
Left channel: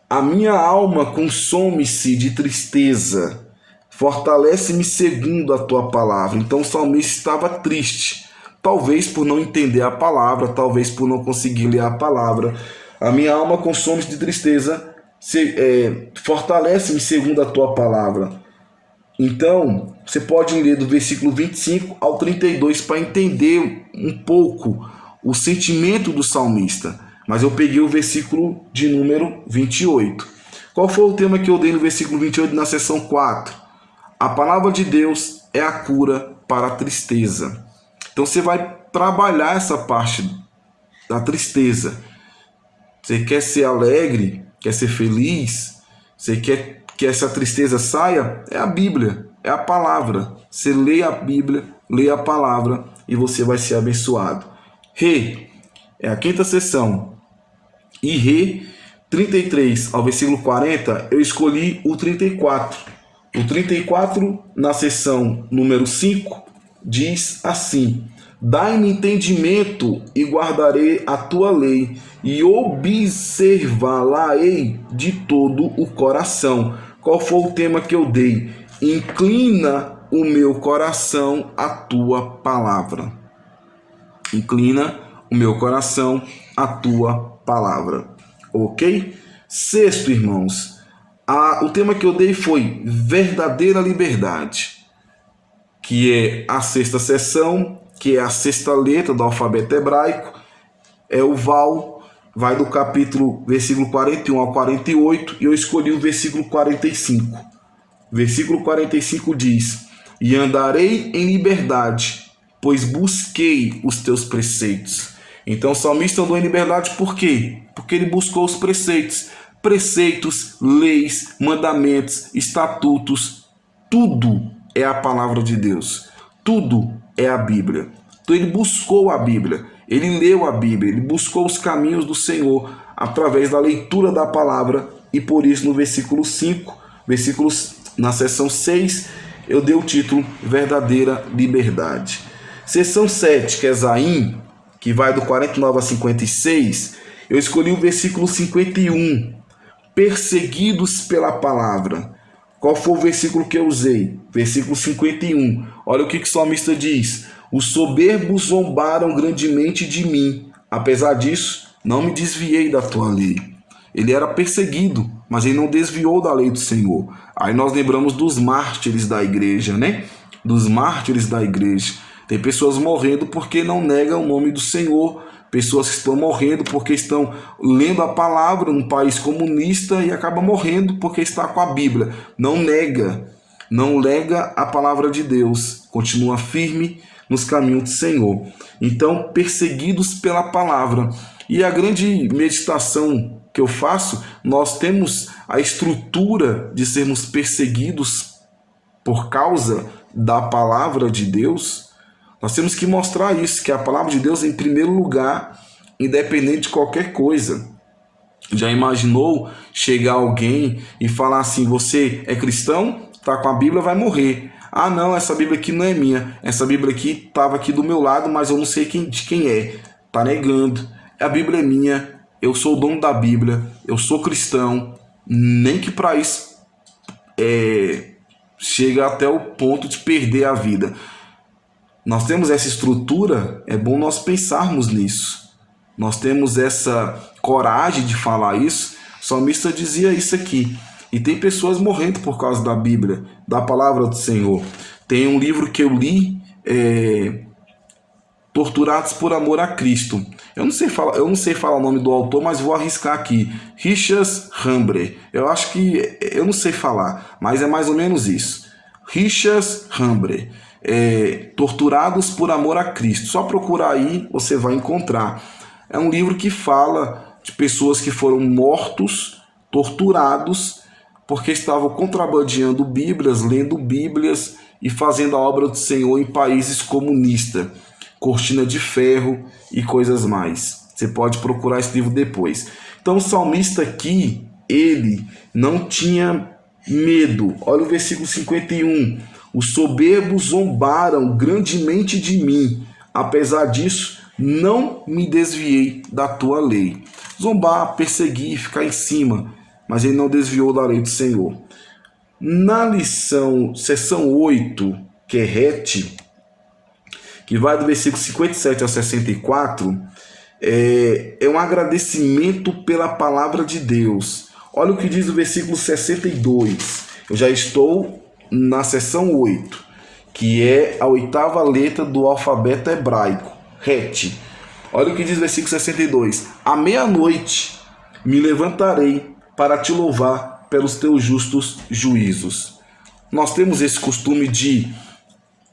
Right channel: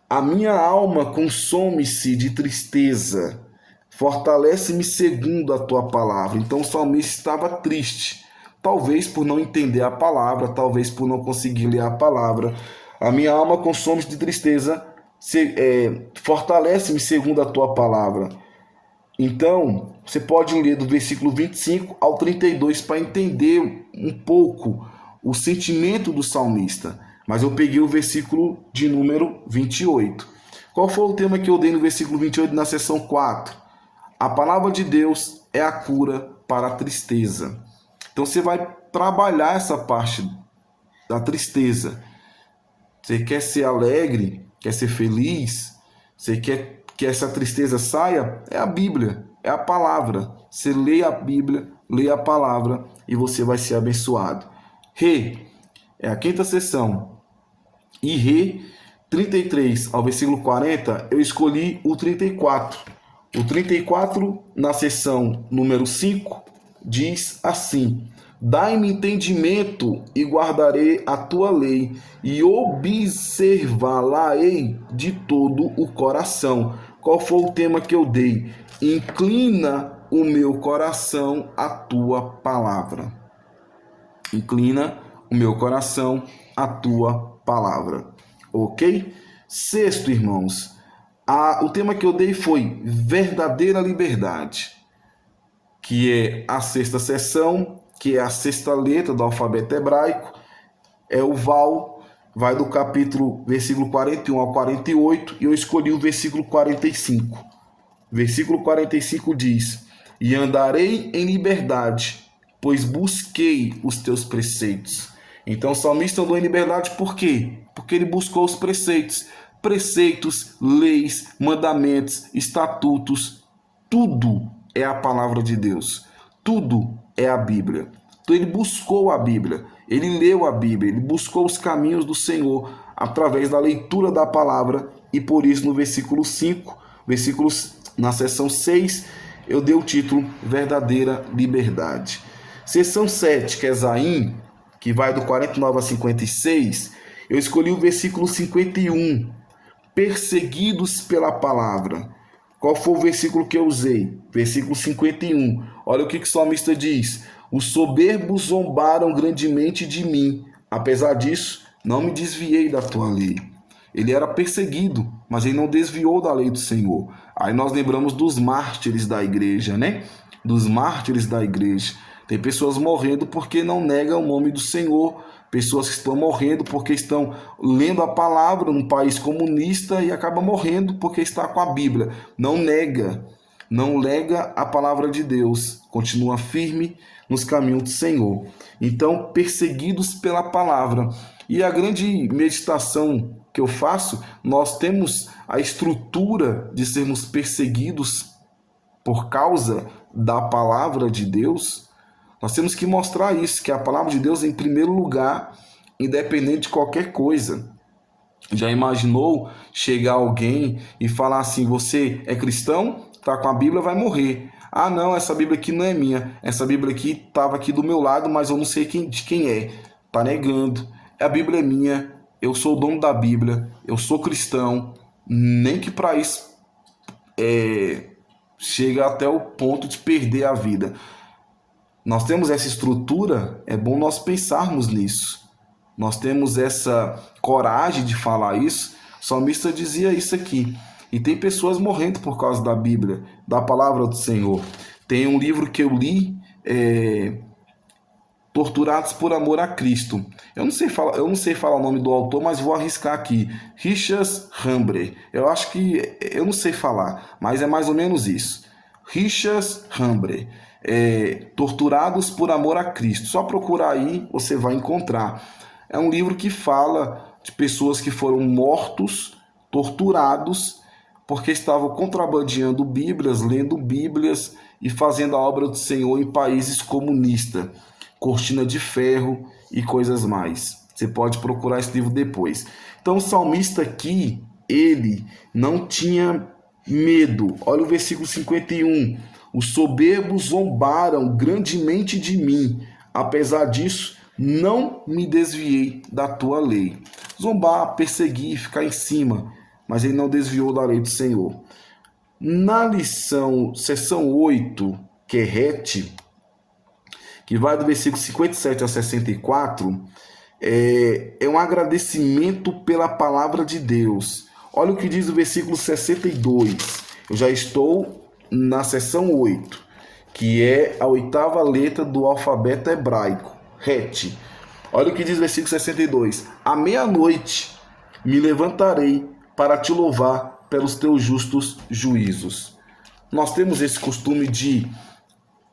a minha alma consome-se de tristeza, fortalece-me segundo a tua palavra. Então o salmista estava triste, talvez por não entender a palavra, talvez por não conseguir ler a palavra. A minha alma consome-se de tristeza, fortalece-me segundo a tua palavra. Então, você pode ler do versículo 25 ao 32 para entender um pouco o sentimento do salmista. Mas eu peguei o versículo de número 28. Qual foi o tema que eu dei no versículo 28 na seção 4? A palavra de Deus é a cura para a tristeza. Então você vai trabalhar essa parte da tristeza. Você quer ser alegre, quer ser feliz, você quer que essa tristeza saia? É a Bíblia, é a palavra. Você lê a Bíblia, lê a palavra e você vai ser abençoado. Rê é a quinta seção. E Rê, 33 ao versículo 40, eu escolhi o 34. O 34, na seção número 5, diz assim: dai-me entendimento e guardarei a tua lei, e observá-la-ei de todo o coração. Qual foi o tema que eu dei? Inclina o meu coração à tua palavra. Inclina o meu coração à tua palavra. Ok? Sexto, irmãos, o tema que eu dei foi verdadeira liberdade, que é a sexta seção, que é a sexta letra do alfabeto hebraico, é o Val, vai do versículo 41 ao 48, e eu escolhi o versículo 45. Versículo 45 diz: E andarei em liberdade, pois busquei os teus preceitos. Então o salmista andou em liberdade por quê? Porque ele buscou os preceitos. Preceitos, leis, mandamentos, estatutos, tudo é a palavra de Deus. Tudo é a Bíblia. Então ele buscou a Bíblia, ele leu a Bíblia, ele buscou os caminhos do Senhor através da leitura da palavra, e por isso no versículo 5, na seção 6, eu dei o título Verdadeira Liberdade. Seção 7, que é Zaim, que vai do 49 a 56, eu escolhi o versículo 51, perseguidos pela palavra. Qual foi o versículo que eu usei? Versículo 51. Olha o que o salmista diz: Os soberbos zombaram grandemente de mim. Apesar disso, não me desviei da tua lei. Ele era perseguido, mas ele não desviou da lei do Senhor. Aí nós lembramos dos mártires da igreja, né? Dos mártires da igreja. Tem pessoas morrendo porque não negam o nome do Senhor. Pessoas que estão morrendo porque estão lendo a palavra num país comunista e acabam morrendo porque está com a Bíblia. Não nega a palavra de Deus. Continua firme nos caminhos do Senhor. Então, perseguidos pela palavra. E a grande meditação que eu faço, nós temos a estrutura de sermos perseguidos por causa da palavra de Deus. Nós temos que mostrar isso, que a palavra de Deus é em primeiro lugar, independente de qualquer coisa. Já imaginou chegar alguém e falar assim: você é cristão? Está com a Bíblia, vai morrer. Ah, não, essa Bíblia aqui não é minha. Essa Bíblia aqui estava aqui do meu lado, mas eu não sei de quem é. Está negando. A Bíblia é minha, eu sou o dono da Bíblia, eu sou cristão. Nem que para isso chega até o ponto de perder a vida. Nós temos essa estrutura, é bom nós pensarmos nisso. Nós temos essa coragem de falar isso. O salmista dizia isso aqui. E tem pessoas morrendo por causa da Bíblia, da palavra do Senhor. Tem um livro que eu li, Torturados por Amor a Cristo. Eu não sei falar o nome do autor, mas vou arriscar aqui. Richard Hambre. Eu não sei falar, mas é mais ou menos isso. Richard Hambre. Torturados por Amor a Cristo. Só procurar aí, você vai encontrar. É um livro que fala de pessoas que foram mortos, torturados, porque estavam contrabandeando Bíblias, lendo Bíblias e fazendo a obra do Senhor em países comunistas. Cortina de ferro e coisas mais. Você pode procurar esse livro depois. Então o salmista aqui, ele não tinha medo. Olha o versículo 51. Os soberbos zombaram grandemente de mim. Apesar disso, não me desviei da tua lei. Zombar, perseguir, ficar em cima. Mas ele não desviou da lei do Senhor. Na seção 8, que é Het, que vai do versículo 57 ao 64, é um agradecimento pela palavra de Deus. Olha o que diz o versículo 62. Eu já estou na seção 8, que é a oitava letra do alfabeto hebraico, Het. Olha o que diz o versículo 62. À meia-noite me levantarei para te louvar pelos teus justos juízos. Nós temos esse costume de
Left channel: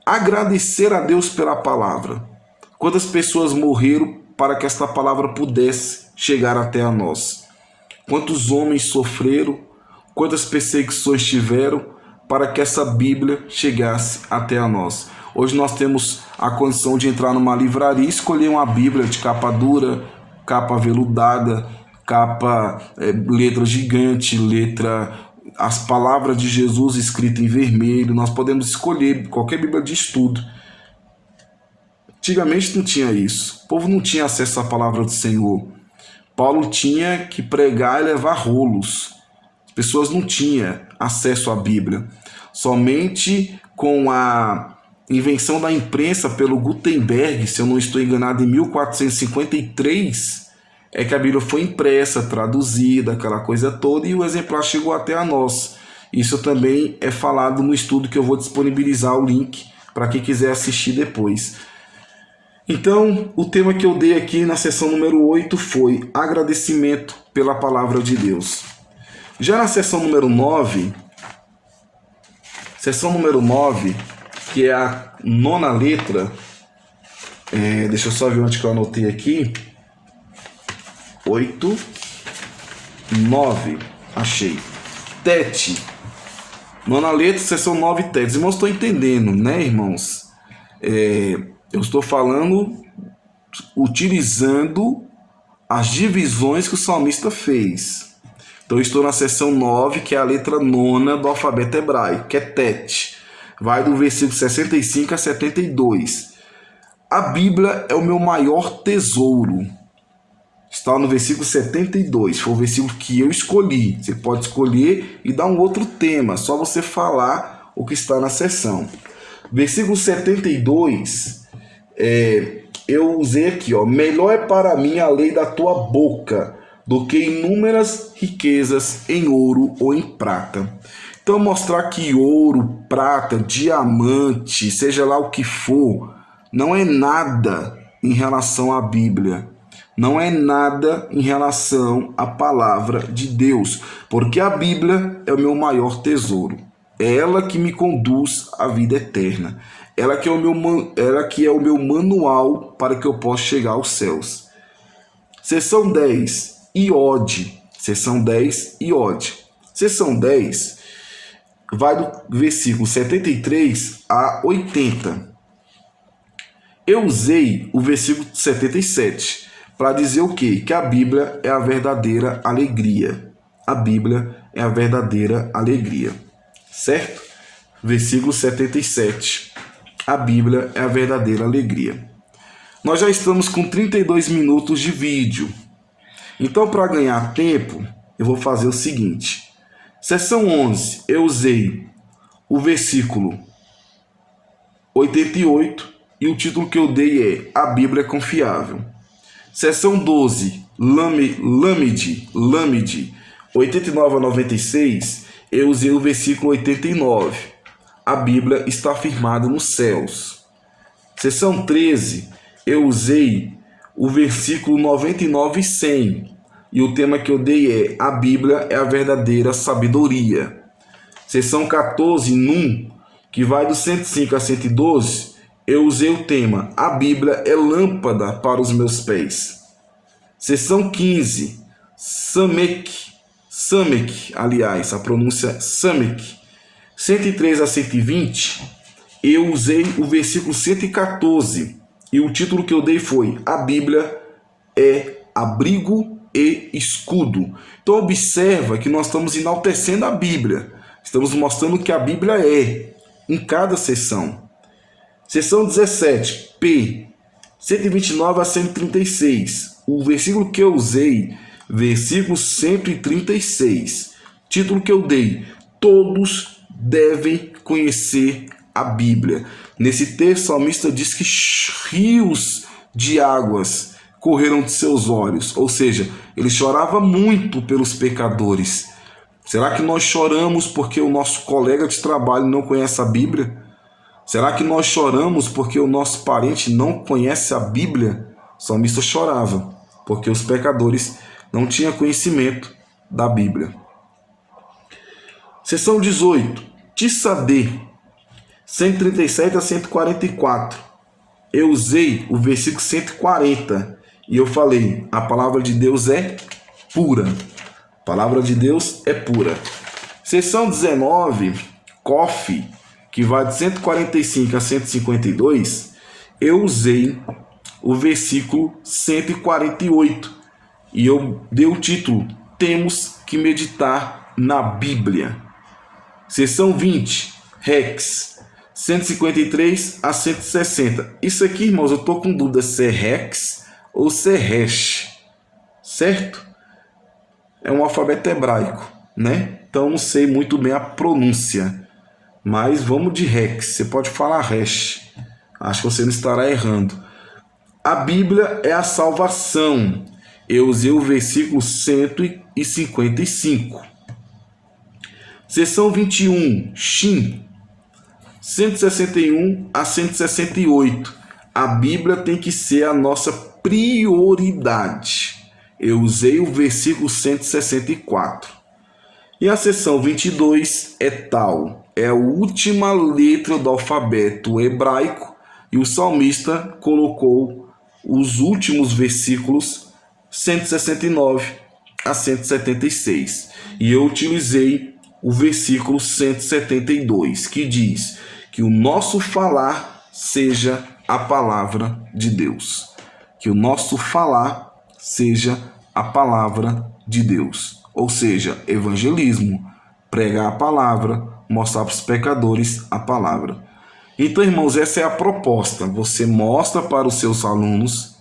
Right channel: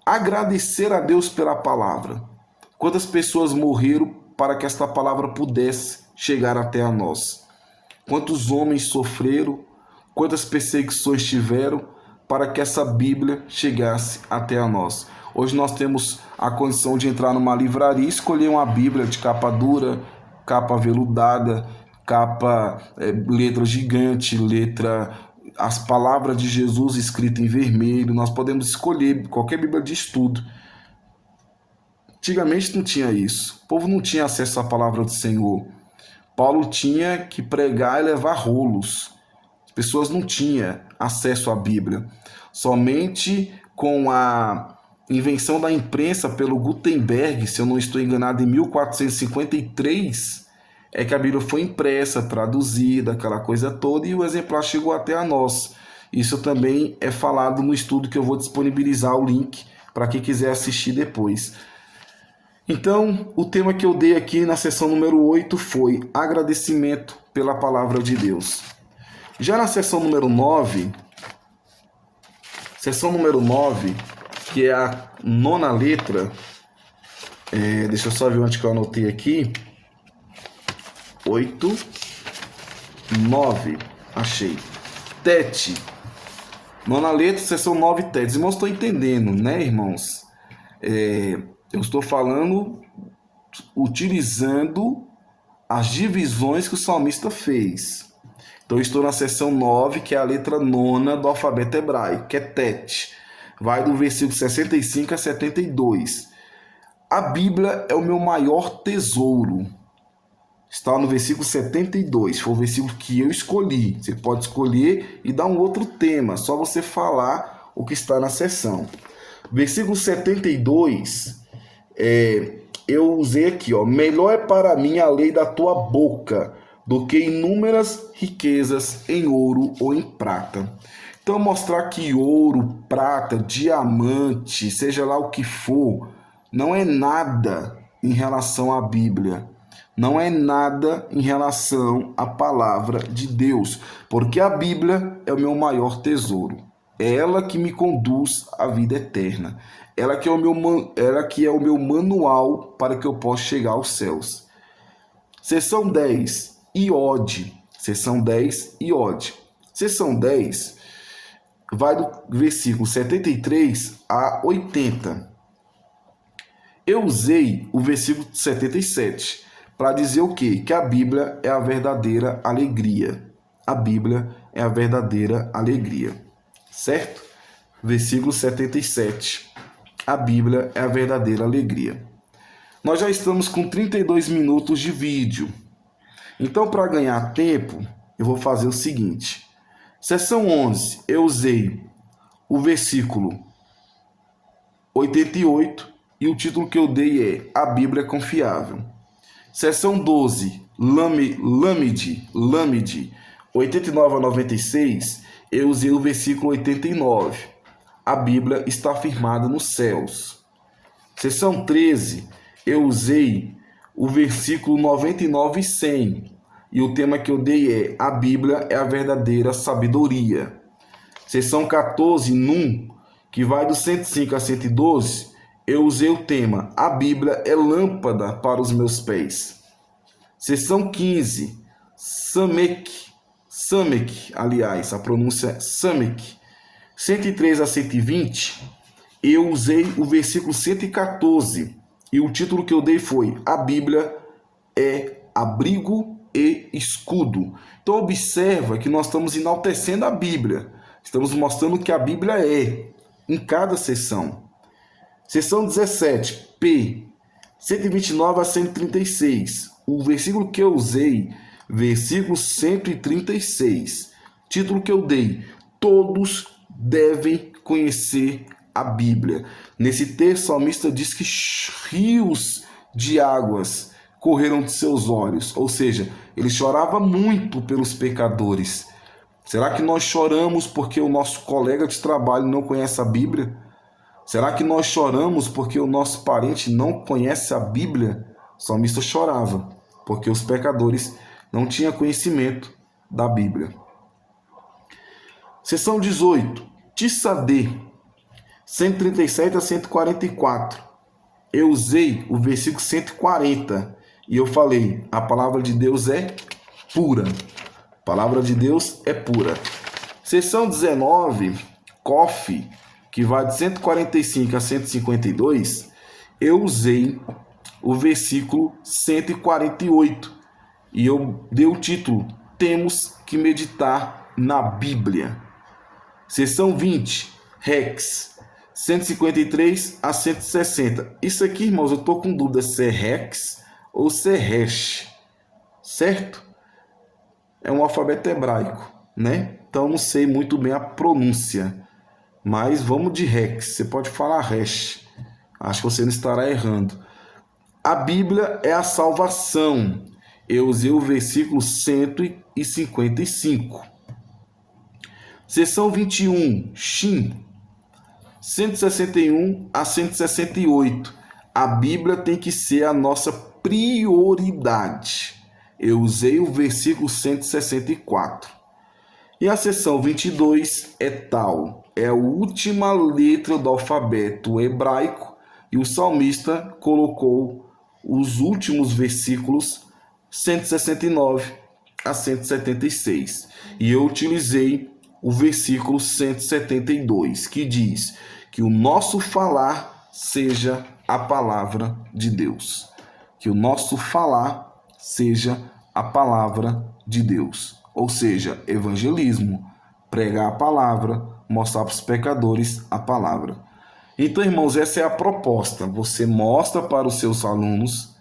agradecer a Deus pela palavra. Quantas pessoas morreram para que esta palavra pudesse chegar até a nós? Quantos homens sofreram? Quantas perseguições tiveram para que essa Bíblia chegasse até a nós? Hoje nós temos a condição de entrar numa livraria e escolher uma Bíblia de capa dura, capa veludada, capa letra gigante, as palavras de Jesus escritas em vermelho. Nós podemos escolher qualquer Bíblia de estudo. Antigamente não tinha isso. O povo não tinha acesso à palavra do Senhor. Paulo tinha que pregar e levar rolos. As pessoas não tinham acesso à Bíblia. Somente com a invenção da imprensa pelo Gutenberg, se eu não estou enganado, em 1453, é que a Bíblia foi impressa, traduzida, aquela coisa toda, e o exemplar chegou até a nós. Isso também é falado no estudo que eu vou disponibilizar o link para quem quiser assistir depois. Então, o tema que eu dei aqui na sessão número 8 foi agradecimento pela palavra de Deus. Já na sessão número 9, que é a 9ª letra, deixa eu só ver onde que eu anotei aqui. 8, 9, achei. Tete. 9ª letra, sessão 9, Tete. Irmãos, estou entendendo, né, irmãos? Eu estou falando, utilizando as divisões que o salmista fez. Então, eu estou na sessão 9, que é a letra 9ª do alfabeto hebraico, que é Tete. Vai do versículo 65 a 72. A Bíblia é o meu maior tesouro. Está no versículo 72. Foi o versículo que eu escolhi. Você pode escolher e dar um outro tema. Só você falar o que está na sessão. Versículo 72. Eu usei aqui, ó. Melhor é para mim a lei da tua boca do que inúmeras riquezas em ouro ou em prata. Então, mostrar que ouro, prata, diamante, seja lá o que for, não é nada em relação à Bíblia. Não é nada em relação à palavra de Deus. Porque a Bíblia é o meu maior tesouro. É ela que me conduz à vida eterna. Ela que é o meu manual para que eu possa chegar aos céus. Seção 10. Iode. Seção 10, Iode. Seção 10 vai do versículo 73 a 80. Eu usei o versículo 77 para dizer o quê? Que a Bíblia é a verdadeira alegria. A Bíblia é a verdadeira alegria. Certo? Versículo 77. A Bíblia é a verdadeira alegria. Nós já estamos com 32 minutos de vídeo. Então, para ganhar tempo, eu vou fazer o seguinte. Seção 11, eu usei o versículo 88 e o título que eu dei é A Bíblia é Confiável. Seção 12, Lâmide, 89 a 96, eu usei o versículo 89. A Bíblia está firmada nos céus. Seção 13, eu usei o versículo 99 e 100. E o tema que eu dei é A Bíblia é a verdadeira sabedoria. Seção 14, Num, que vai do 105 a 112, eu usei o tema A Bíblia é lâmpada para os meus pés. Seção 15, Samek, aliás, a pronúncia Samek, 103 a 120, eu usei o versículo 114 e o título que eu dei foi A Bíblia é abrigo e escudo. Então observa que nós estamos enaltecendo a Bíblia, estamos mostrando o que a Bíblia é em cada sessão. Seção 17, P, 129 a 136. O versículo que eu usei, versículo 136. Título que eu dei, todos devem conhecer a Bíblia. Nesse texto, o salmista diz que rios de águas correram de seus olhos. Ou seja, ele chorava muito pelos pecadores. Será que nós choramos porque o nosso colega de trabalho não conhece a Bíblia? Será que nós choramos porque o nosso parente não conhece a Bíblia? O salmista chorava porque os pecadores não tinham conhecimento da Bíblia. Seção 18, Tissadê, 137 a 144. Eu usei o versículo 140 e eu falei, a palavra de Deus é pura. A palavra de Deus é pura. Seção 19, Cof, que vai de 145 a 152, eu usei o versículo 148 e eu dei o título Temos que meditar na Bíblia. Seção 20, Rex, 153 a 160. Isso aqui, irmãos, eu estou com dúvida se é Rex ou se é Resh, certo? É um alfabeto hebraico, né? Então, não sei muito bem a pronúncia. mas vamos de Rex. Você pode falar Resh. Acho que você não estará errando. A Bíblia é a salvação. Eu usei o versículo 155. Seção 21, Shin, 161 a 168. A Bíblia tem que ser a nossa prioridade. Eu usei o versículo 164. E a seção 22 é Tal. É a última letra do alfabeto hebraico e o salmista colocou os últimos versículos 169 a 176. E eu utilizei o versículo 172, que diz que o nosso falar seja a palavra de Deus. Que o nosso falar seja a palavra de Deus. Ou seja, evangelismo, pregar a palavra, mostrar para os pecadores a palavra. Então, irmãos, essa é a proposta. Você mostra para os seus alunos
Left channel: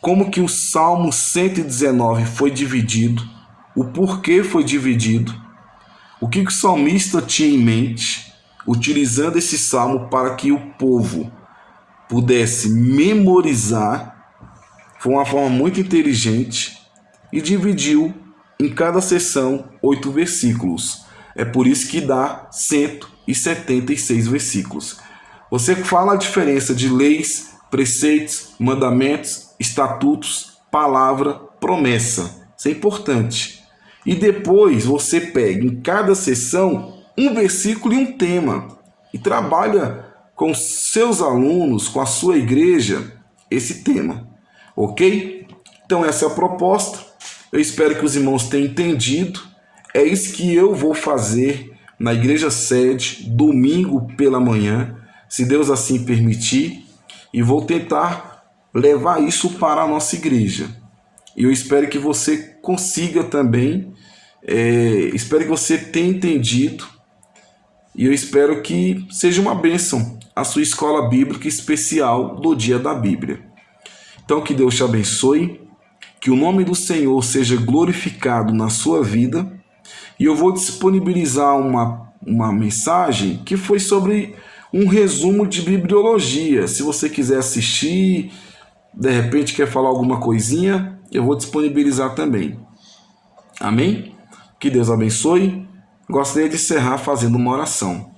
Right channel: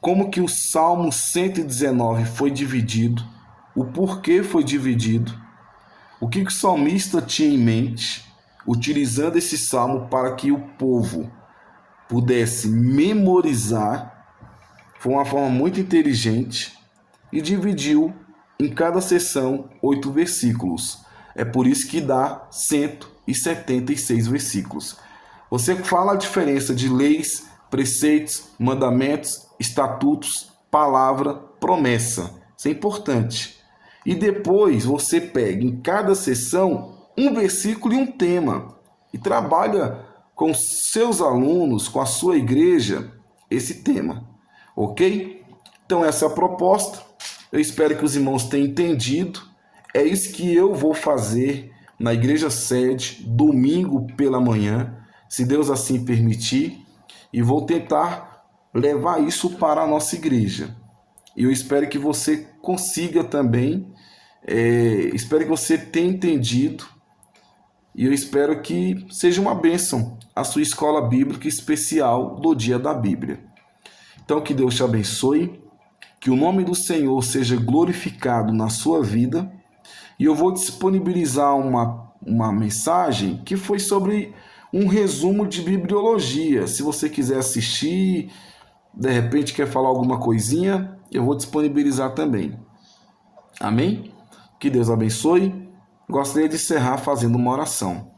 como que o Salmo 119 foi dividido, o porquê foi dividido, o que o salmista tinha em mente, utilizando esse salmo para que o povo pudesse memorizar. Foi uma forma muito inteligente e dividiu em cada sessão 8 versículos. É por isso que dá 176 versículos. Você fala a diferença de leis, preceitos, mandamentos, estatutos, palavra, promessa. Isso é importante. E depois você pega em cada sessão um versículo e um tema e trabalha com seus alunos, com a sua igreja, esse tema. Ok? Então essa é a proposta. Eu espero que os irmãos tenham entendido. É isso que eu vou fazer na igreja sede, domingo pela manhã, se Deus assim permitir, e vou tentar levar isso para a nossa igreja. E eu espero que você consiga também, espero que você tenha entendido, e eu espero que seja uma bênção a sua escola bíblica especial do Dia da Bíblia. Então que Deus te abençoe, que o nome do Senhor seja glorificado na sua vida, e eu vou disponibilizar uma mensagem que foi sobre um resumo de bibliologia. Se você quiser assistir, de repente quer falar alguma coisinha, eu vou disponibilizar também. Amém? Que Deus abençoe. Gostaria de encerrar fazendo uma oração.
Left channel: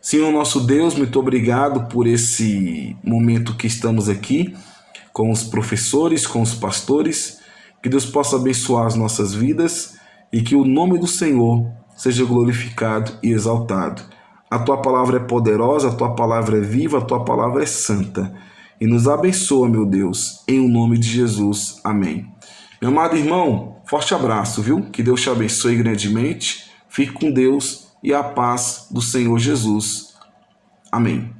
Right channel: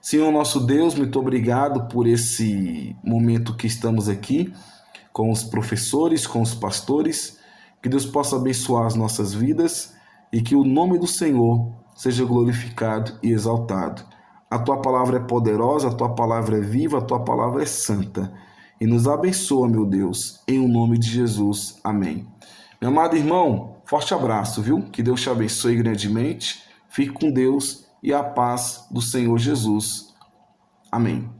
Senhor nosso Deus, muito obrigado por esse momento que estamos aqui com os professores, com os pastores. Que Deus possa abençoar as nossas vidas e que o nome do Senhor seja glorificado e exaltado. A tua palavra é poderosa, a tua palavra é viva, a tua palavra é santa. E nos abençoa, meu Deus, em o nome de Jesus. Amém. Meu amado irmão, forte abraço, viu? Que Deus te abençoe grandemente. Fique com Deus e a paz do Senhor Jesus. Amém.